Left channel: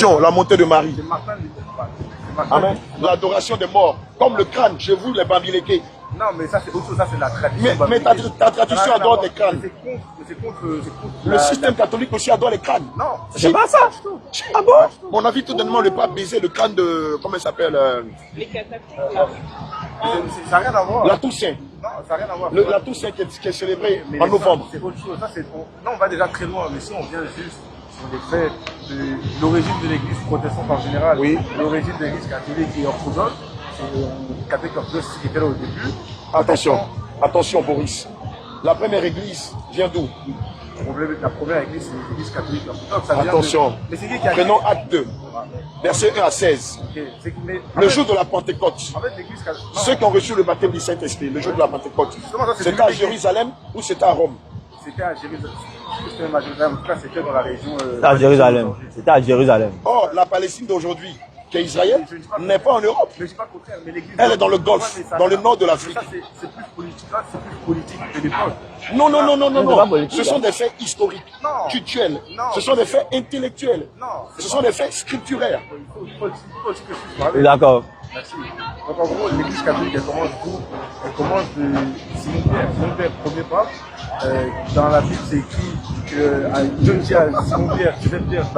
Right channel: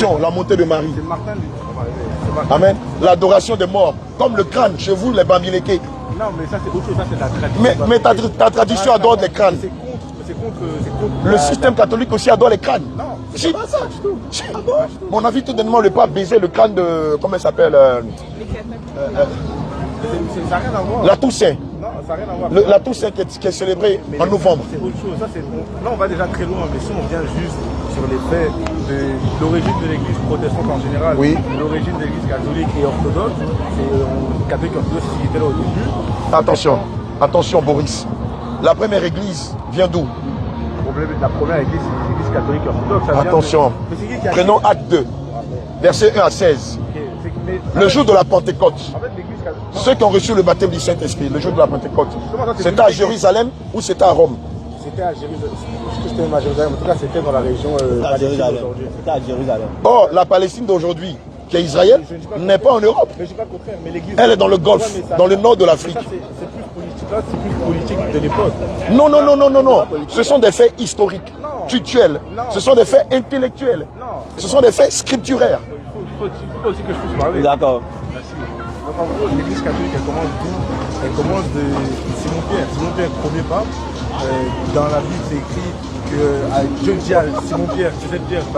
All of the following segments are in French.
l'Assomption, la montée de Marie. C'est Martin Luther. Amen. L'adoration des morts, comme le crâne chez vous, les Bamileke. Non, mais ça c'est autre chose, ça c'est la tradition. Mais ta tradition adore les crânes. C'est contre le système catholique aussi adore les crânes. Non, c'est pas ça. Ah bon? On a vu tout dernièrement le pape baiser le crâne de, comment il s'appelle ça n'a rien à voir. La Toussaint. Non, ça n'a rien à voir. La Toussaint qui est célébrée en novembre. C'est autre chose. Ça, là, on va déjà très loin, mais si on vient juste sur les faits de l'origine de l'église protestante en général, oui. L'origine de l'église catholique et orthodoxe, c'est catholique orthodoxe, c'est ce qui était là au début. Attention Boris. La première église vient d'où? La première église, c'est l'église catholique orthodoxe. Attention. Prenons acte 2, verset 1 à 16. Le jour de la Pentecôte, ceux qui ont reçu le baptême du Saint-Esprit, le jour de la Pentecôte, c'était à Jérusalem ou c'était à Rome? C'était à Jérusalem. C'était à Jérusalem. En tout cas, c'était dans la région. C'était à Jérusalem. C'était à Jérusalem. Or, la Palestine d'aujourd'hui, qui est Israël, n'est pas en Europe. Mais je dis pas le contraire, mais l'église. Elle est dans le Golfe, dans le nord de l'Afrique. C'est plus politique. Là, c'est plus politique de l'époque. Non. Ce sont des faits historiques, culturels. Ce sont des faits intellectuels. Ce sont des faits scripturaires. Il faut aussi que je puisse parler. D'accord. Merci. Donc en gros, l'église catholique, elle commence d'où? Elle commence de Simon Pierre. Simon Pierre, premier pas. Dans la Bible, c'est écrit que Dieu dit à Simon Pierre, tu sais Pierre, tu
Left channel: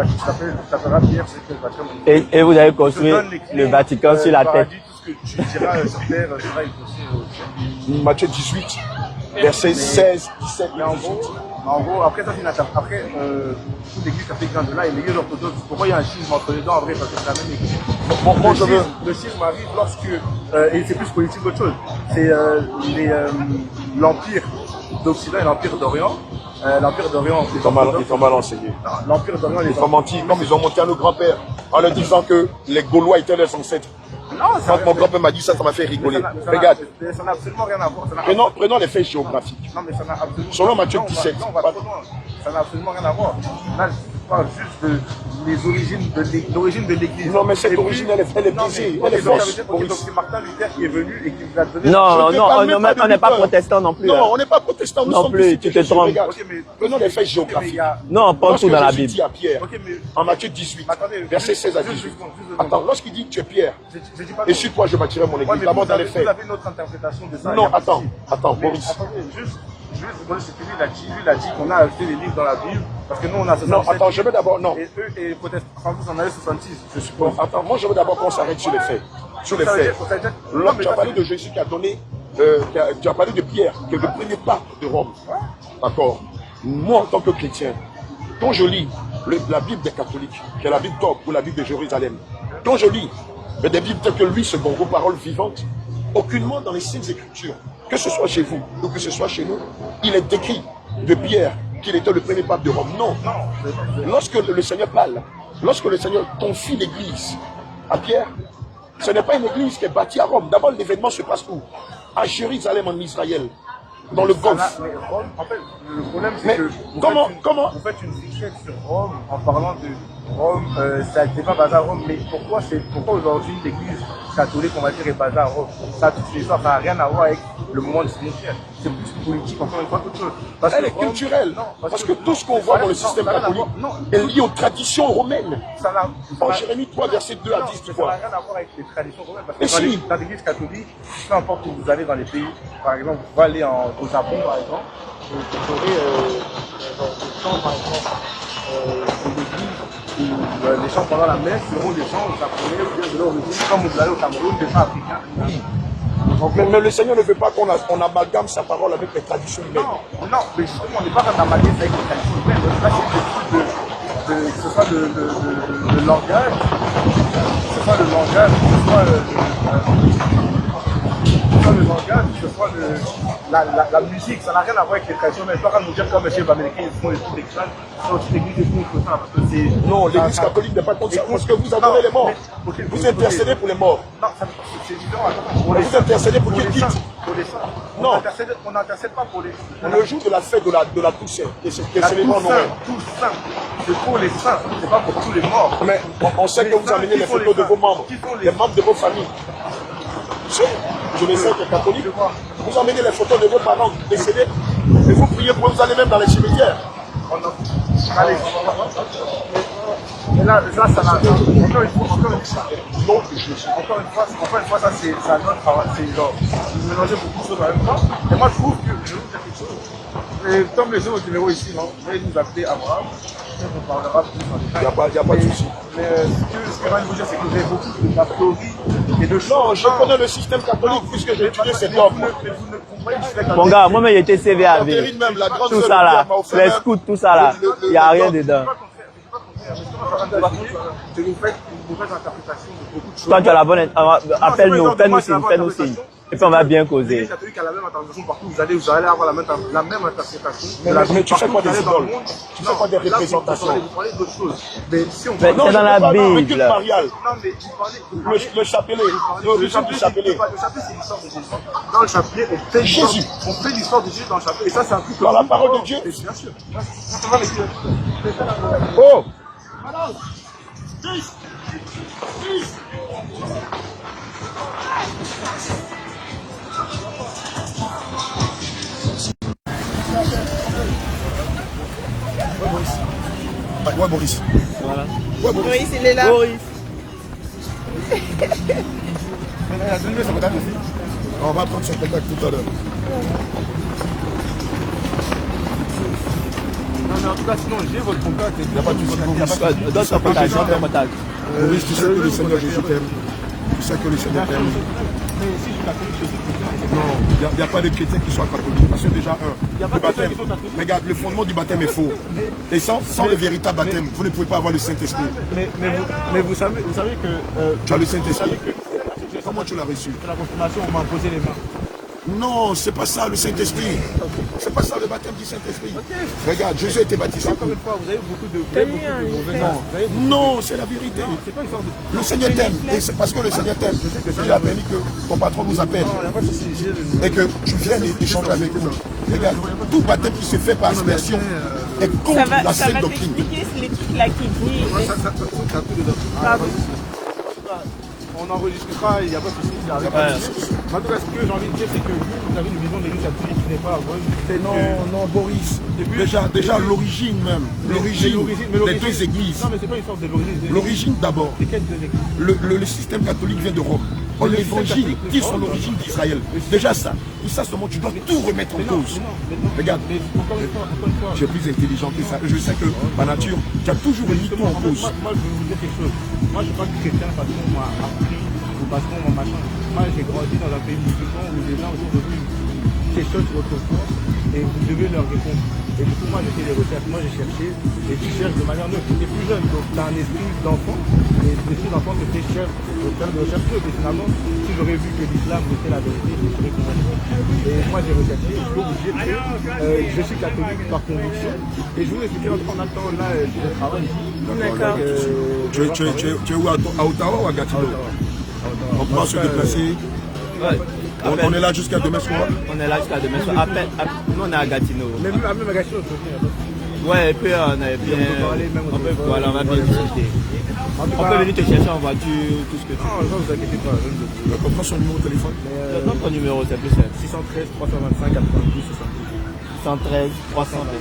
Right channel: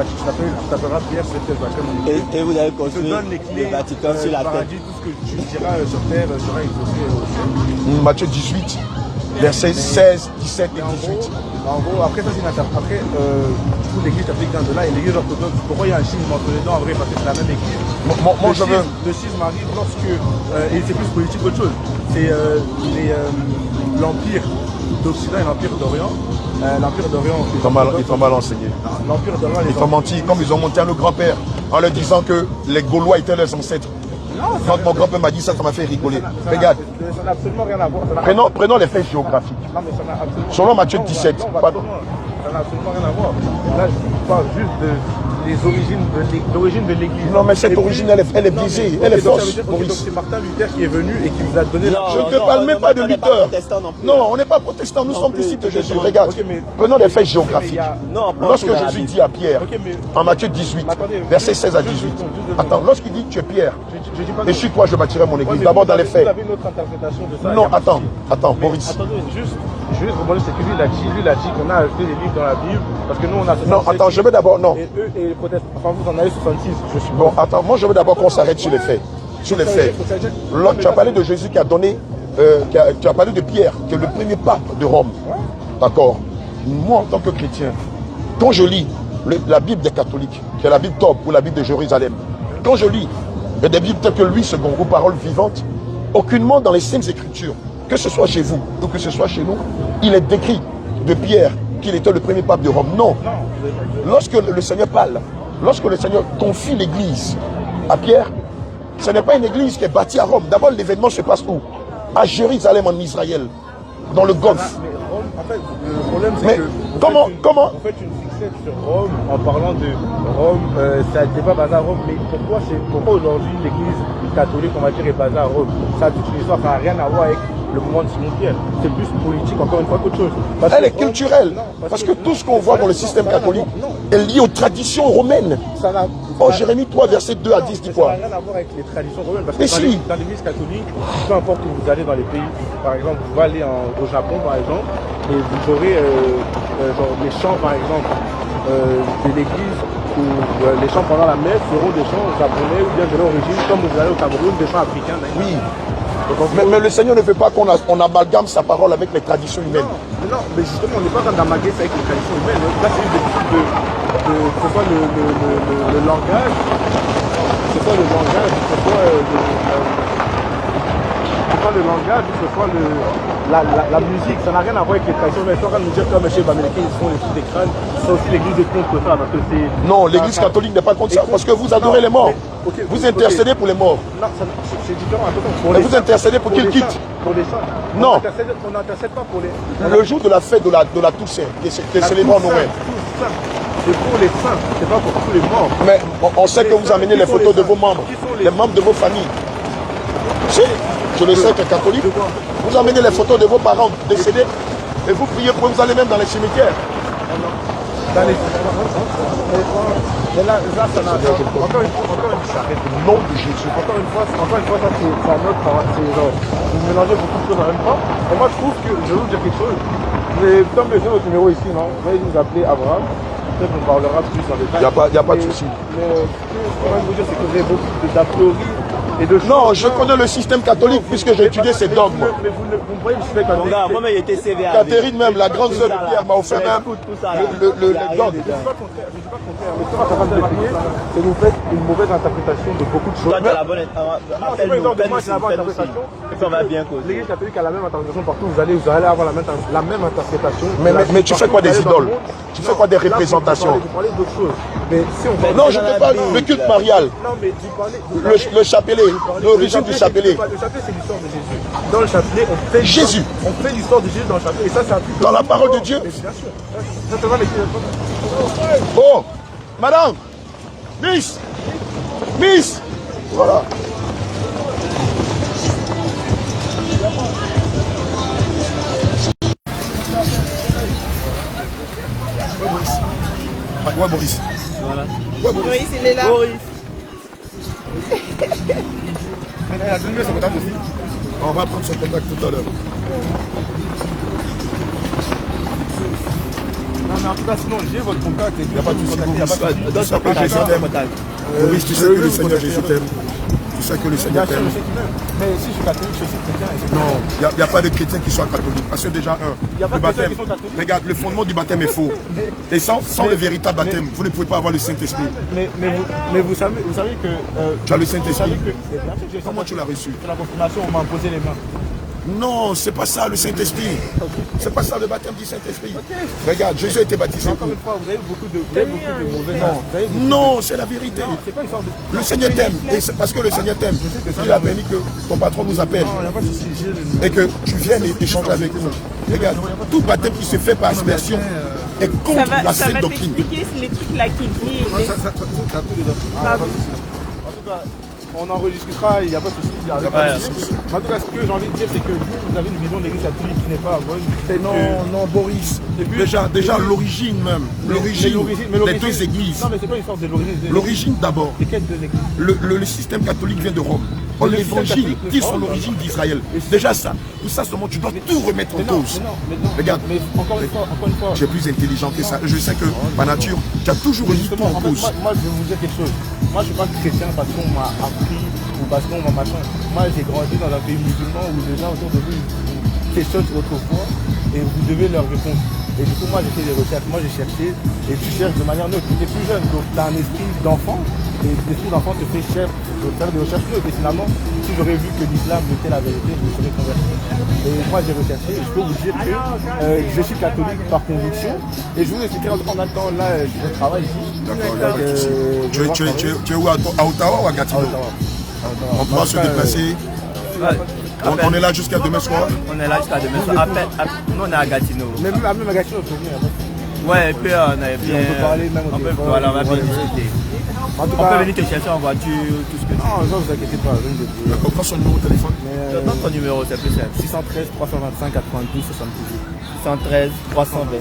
t'appelleras Pierre, c'est Pierre baptême. Et vous avez construit le Vatican sur la tête. Tout ce que tu diras sur terre sera exaucé au ciel. Matthieu 18, versets 16, 17 et 18. En gros, après ça, c'est une attaque. Après, l'église catholique vient de là et l'église orthodoxe. Pourquoi il y a un schisme entre les deux? En vrai, parce que c'est la même église. Le schisme arrive lorsque, et c'est plus politique qu'autre chose, c'est l'Empire d'Occident et l'Empire d'Orient. L'Empire d'Orient, ils sont mal enseignés. L'Empire d'Orient, ils ont menti, comme ils ont monté à nos grands-pères, en leur disant que les Gaulois étaient leurs ancêtres. Quand mon grand-père m'a dit ça, ça m'a fait rigoler. Regarde. Ça n'a absolument rien à voir. Prenons les faits géographiques. Non, mais ça n'a absolument selon Matthieu 17. Ça n'a absolument rien à voir. Là, je parle juste de l'origine de l'église. Non, mais cette origine, elle est biaisée, elle est fausse. Donc c'est Martin Luther qui est venu et qui vous a donné... Non, on n'est pas protestant non plus. Non, on n'est pas protestant, nous sommes ici. Regarde, prenons les faits géographiques. Non, on prend tout dans la Bible. Lorsque Jésus dit à Pierre, en Matthieu 18, verset 16 à 18, attends, lorsqu'il dit tu es Pierre, et sur toi je bâtirai mon église, d'abord dans les faits. Vous avez une autre interprétation de ça. Non, attends, Boris. Attendez, juste rebondir, c'est que lui, il a dit qu'on a fait des livres dans la Bible, parce que nous, on a 67. Non, attends, je veux d'abord, non. Et eux, et les protestants, enfin, vous en avez 66, je suis bon. Attends, moi, je veux d'abord qu'on s'arrête sur les faits. Sur les faits. Là, tu as parlé de Jésus qui a donné, tu as parlé de Pierre, qui est le premier pape de Rome. D'accord. Moi, en tant que chrétien, quand je lis la Bible des catholiques, qui est la Bible Torque ou la Bible de Jérusalem, quand je lis des Bibles telles que lui, second groupe, paroles vivantes, aucunement dans les Saintes Écritures, que ce soit chez vous ou que ce soit chez nous, il est décrit de Pierre qu'il était le premier pape de Rome. Non. Lorsque le Seigneur parle, lorsque le Seigneur confie l'église à Pierre, ce n'est pas une église qui est bâtie à Rome. D'abord, l'événement se passe où? À Jérusalem, en Israël, dans le Golfe. En fait, le problème, c'est que vous faites une fixette sur Rome en parlant de Rome, ça n'était pas basé à Rome, mais pourquoi aujourd'hui l'église catholique, on va dire, est basée à Rome? Ça a toute une histoire, ça n'a rien à voir avec le moment de cimetière. C'est plus politique, encore une fois, qu'autre chose. Elle est culturelle. Parce que tout ce qu'on voit dans le système catholique est lié aux traditions romaines. Oh, Jérémie 3, verset 2 à 10, dis quoi? Ça n'a rien à voir avec les traditions romaines. Parce que dans l'église catholique, peu importe où vous allez dans les pays, par exemple, vous allez au Japon, par exemple, et vous aurez les chants, par exemple, de l'église, où les chants pendant la messe seront des chants japonais ou bien de l'origine, comme vous allez au Cameroun, des chants africains. Oui. Mais le Seigneur ne veut pas qu'on amalgame sa parole avec les traditions humaines. Non, mais justement, on n'est pas en train d'amalgamer ça avec les traditions humaines. Là, c'est que ce soit le langage, que ce soit le langage, que ce soit que ce soit la musique, ça n'a rien à voir avec les traditions humaines. Je ne suis pas en train de nous dire comme chez les Américains, ils font les trucs des crânes. C'est aussi l'église est contre ça, parce que c'est... Non, l'église catholique n'est pas contre ça, parce que vous adorez les morts. Vous intercédez pour les morts. Non, c'est différent. Vous intercédez pour qu'ils quittent. Pour les saints. Non. On n'intercède pas pour les... Le jour de la fête de la Toussaint, qui est célébrée en Noël. C'est pour les saints, c'est pas pour tous les morts. Mais on sait que vous amenez les photos de vos membres, les membres de vos familles. Si, je le sais que catholique, vous amenez les photos de vos parents décédés et vous priez pour eux, vous allez même dans les cimetières. Mais là, ça n'a encore une fois, Le nom de Jésus. encore une fois, ça c'est un autre travail. C'est genre, vous mélangez beaucoup de choses en même temps. Et moi, je trouve que, je vais vous dire quelque chose. Comme les gens au numéro ici, non, vous allez nous appeler Abraham. Peut-être qu'on parlera plus dans les détail. Il n'y a pas de souci. Mais ce que je veux vous dire, c'est que vous avez beaucoup d'a priori et de choses. Non, je connais le système catholique puisque j'ai étudié ces dogmes. Mais vous ne comprenez pas le système Mon catholique. gars, moi-même, j'étais CV avec. Catherine même, la grande Tout sœur ça de là, Pierre m'a offert les même scouts, tout ça là, il n'y a rien dedans. Je ne suis pas contraire. Mais ce qu'on est capable d'expliquer, c'est que vous faites une mauvaise interprétation de beaucoup de choses. Toi, tu as la bonne. Appelle-nous, fais-nous signe, fais-nous signe. Et puis on va bien causer. L'Église catholique a la même interprétation partout. Vous allez avoir la même interprétation. Mais tu fais quoi des idoles? Tu fais quoi des représentations? Vous parlez d'autres choses. Mais si on Mais Non, c'est je dans la ne parle Bible. du culte marial. Non, mais vous parlez. Le chapelet, l'origine du chapelet. Le chapelet, c'est l'histoire de Jésus. Dans le chapelet, on fait Jésus. On fait l'histoire de Jésus dans le chapelet. Et ça, c'est un truc. Dans la parole de Dieu. Mais bien sûr. Je te vois avec Oh, madame, Miss, voilà. Ouais, Boris. Boris, il est là. On va prendre son contact tout à l'heure. En tout cas, sinon, j'ai votre contact. Il n'y a pas de souci. Donne ton contact, donne ton contact. Boris, tu sais que le Seigneur Jésus t'aime. Tu sais que le Seigneur t'aime. Mais si je suis catholique, je suis chrétien. Non, il n'y a pas de chrétien qui soit catholique. Parce que déjà, le baptême, regarde, le fondement du baptême est faux. Et sans le véritable baptême, vous ne pouvez pas avoir le Saint-Esprit. Mais vous savez que. Tu as le Saint-Esprit. Comment tu l'as reçu? La confirmation, on m'a imposé les mains. Non, c'est pas ça le Saint-Esprit. C'est pas ça le baptême du Saint-Esprit. Regarde, Jésus a été baptisé. Encore une fois, vous avez beaucoup de mauvaises. Non, c'est la vérité. Le Seigneur t'aime. Et c'est parce que le Seigneur t'aime. Il a permis que ton patron nous appelle. Et que tu viennes échanger avec nous. Regarde, tout baptême qui se fait par aspersion est contre la Ça sainte va doctrine. t'expliquer les trucs là qui disent. Pardon. On n'enregistre pas, il n'y a pas de souci. En tout cas, ce que j'ai envie de dire, c'est que vous avez une vision de l'Église catholique qui n'est pas bonne. Non, Boris. Déjà l'origine même. L'origine des deux églises. Non, mais c'est pas une sorte de l'origine. L'origine d'abord. C'est quelle deux églises? Le système catholique vient de Rome. L'évangile dit son origine d'Israël. Déjà ça. Pour ça seulement, tu dois tout remettre en cause. Regarde, Mais encore une fois. tu es plus intelligent que ça. Je sais que par nature, tu as toujours mis tout en cause. Moi, je vais vous dire quelque chose. Moi, je ne suis pas chrétien parce qu'on m'a appris ou parce qu'on m'a machin. Moi, j'ai grandi dans un pays musulman où les gens autour de vous questionnent autrefois et vous devez leur répondre. Et du coup, moi, j'ai fait des recherches. Moi, j'ai cherché et tu cherches de manière neutre. Tu es plus jeune, donc tu as un esprit d'enfant. Et l'esprit d'enfant te fait chercher, faire des recherches. Et puis finalement, si j'aurais vu que l'islam était la vérité, je me serais converti. Et moi, j'ai recherché. Et je peux vous dire que je suis catholique par conviction. Et je vous expliquer en attendant, là, je travaille ici. D'accord, il n'y a pas de souci. Tu es où, à Ottawa ou à Gatineau? On pourra se déplacer. On est là jusqu'à demain soir. On est là jusqu'à demain soir. Après, nous, on est à Gatineau. Mais même à Gatineau, on peut venir. Ouais, et puis on est bien. On peut, voilà, on va bien discuter. On peut venir te chercher en voiture, tout ce que tu veux. Non, vous inquiétez pas. D'accord, prends son numéro de téléphone. Donne ton numéro, c'est plus simple. 613 325 92 78. 113 325